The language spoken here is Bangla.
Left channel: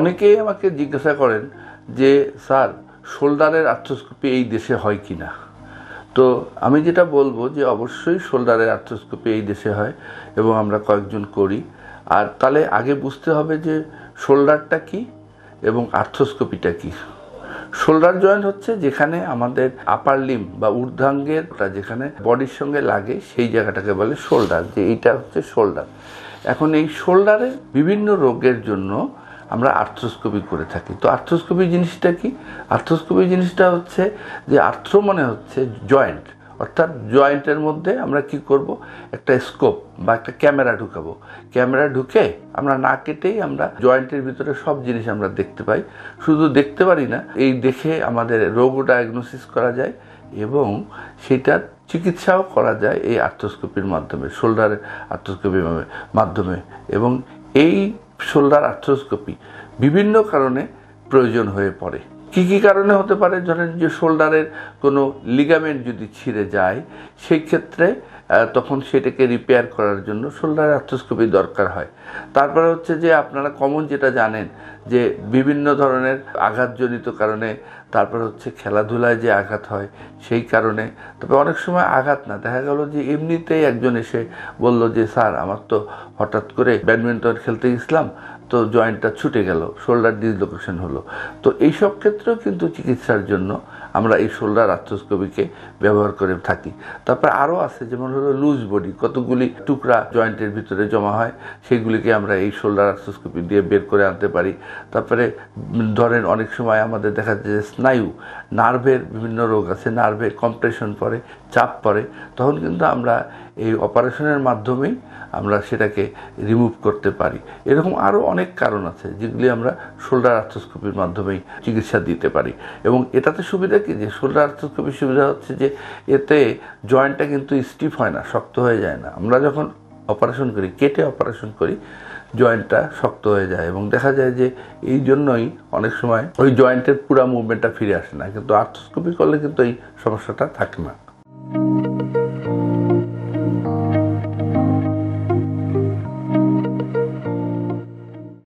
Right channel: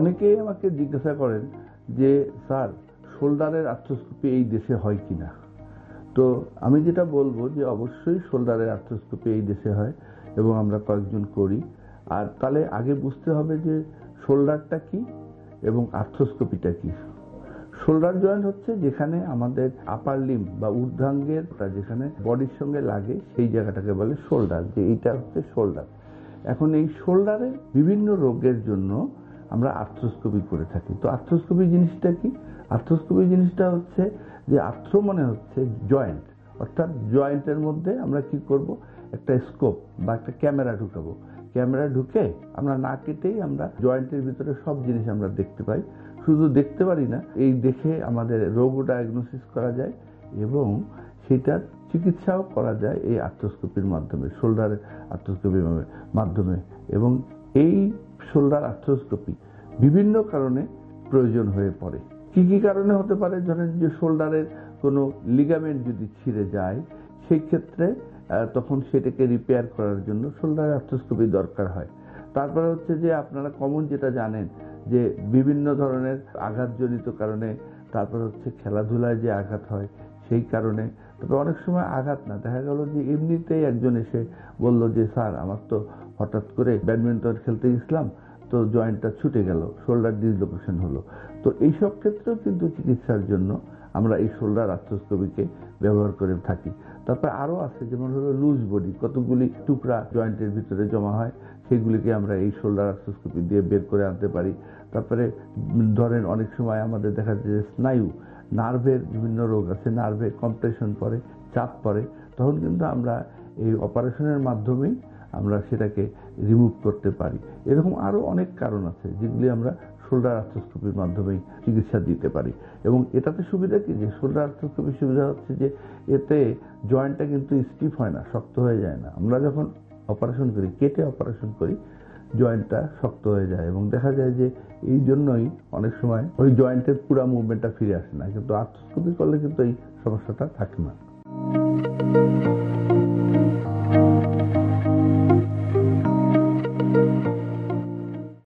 অনেকেই আমাকে জিজ্ঞাসা করেন যে স্যার শোল্ডারের আর্থ্রোস্কোপি এই দেশে হয় কি না। তো আমি যেটা বলবো যে অবশ্যই শোল্ডারের আর্থ্রোস্কোপি এই দেশে হয় এবং আমরা কয়েকজন করি। আর তাহলে আগে বুঝতে হবে যে শোল্ডারটা কি এবং আর্থ্রোস্কোপিটা কি। শোল্ডার জয়েন্ট হচ্ছে যেখানে আমাদের আপার লিম্ব বা ঊর্ধ্বাঙ্গের যেখানে বডির সঙ্গে লাগে সেই জায়গাটাকে বলে শোল্ডার, যে এইটা হচ্ছে শোল্ডার। এখন এই শোল্ডারের বিভিন্ন রোগের জন্য আমরা আর্থ্রোস্কোপি করে থাকি। তো আর্থ্রোস্কোপি জিনিসটা কি? আর্থ্রোস্কোপি জিনিসটা হচ্ছে যে আর্থ্রো মানে হচ্ছে জয়েন্ট, অর্থাৎ জয়েন্টের মধ্যে আমরা কি করব, একটা স্কোপ বা একটা ক্যামেরা ঢুকাবো। ক্যামেরা ঢুকে আমরা না কেটেই আমরা জয়েন্টের ভিতরে সব জিনিস আমরা দেখতে পাই। শুধু দেখতে পারি না, এই দেখে আমাদের রোগও ডায়াগনোসিস করা যায় এবং সেটার চিকিৎসাও করা যায় এই আর্থ্রোস্কোপির মাধ্যমে, শোল্ডারের আর্থ্রোস্কোপির মাধ্যমে। এবং এই শোল্ডার আর্থ্রোস্কোপি বিভিন্ন কারণে প্রয়োজন হয়ে পড়ে। কি কি কারণে হতে পারে? ধরেন যে শোল্ডারের কোনো লিগামেন্ট যদি ছিঁড়ে যায়, সেই ক্ষেত্রে তখন সেটাকে রিপেয়ার করার জন্য শোল্ডার আর্থ্রোস্কোপি দরকার হয়। তারপরে হচ্ছে যে আপনারা কমন যেটা জানেন যে বিভিন্ন ধরনের আঘাতজনিত কারণে, তারপর হচ্ছে খেলাধুলায় যে আঘাত হয় সেই কারণে। তবে অনেক সময় আঘাত না, দেখা গেল যে এমনিতেই একজন এসে বলল যে স্যার আমার তো হঠাৎ করে ব্যাডমিন্টন খেলতে গেছিলাম, তো জয়েন্টটা ছুটে গেল, শোল্ডার ডিসলোকেশন হলো। তো এইসব ক্ষেত্রেও কিন্তু চিকিৎসার জন্য আমরা এই শোল্ডার আর্থ্রোস্কোপিকে ব্যবহার করে থাকি। তারপর আরও আছে, যেমন হলো লুজ বডি, কতগুলি টুকরা জয়েন্টের ভিতরে জমা হয়, সেগুলিকে আমরা এই শোল্ডার আর্থ্রোস্কোপি দিয়ে বের করে আনতে পারি। তারপরে ধরেন অনেক সময় আমাদের দেখা যায় যে স্নায়ু, নার্ভের বিভিন্ন রোগ আছে, নার্ভে কম্প্রেশন পড়ে, চাপ পড়ে, তখন কিন্তু আমরা এই অপারেশনের মাধ্যমেই আমরা সেটাকে রিমুভ করতে পারি। এরকম আরও অনেক কারণ আছে যেগুলি আমরা শোল্ডার আর্থ্রোস্কোপির মাধ্যমেই চিকিৎসা দিতে পারি। এবং এটাতে সুবিধা কি, যে শোল্ডার আর্থ্রোস্কোপির সুবিধা হচ্ছে যে এতে জয়েন্টটা কিন্তু স্টিফ হয় না, শক্ত হয়ে যায় না। আমরা যখন অপারেশন করি, কেটে অপারেশন করি, জয়েন্টটা শক্ত হয়ে যায় এবং দেখা যায় যে এই জন্যই অনেক সময় ওই জয়েন্টের পুরো মুভমেন্টটা ফিরে আসে না। কিন্তু আর্থ্রোস্কোপি করলে কিন্তু এই সমস্যাটা থাকে না।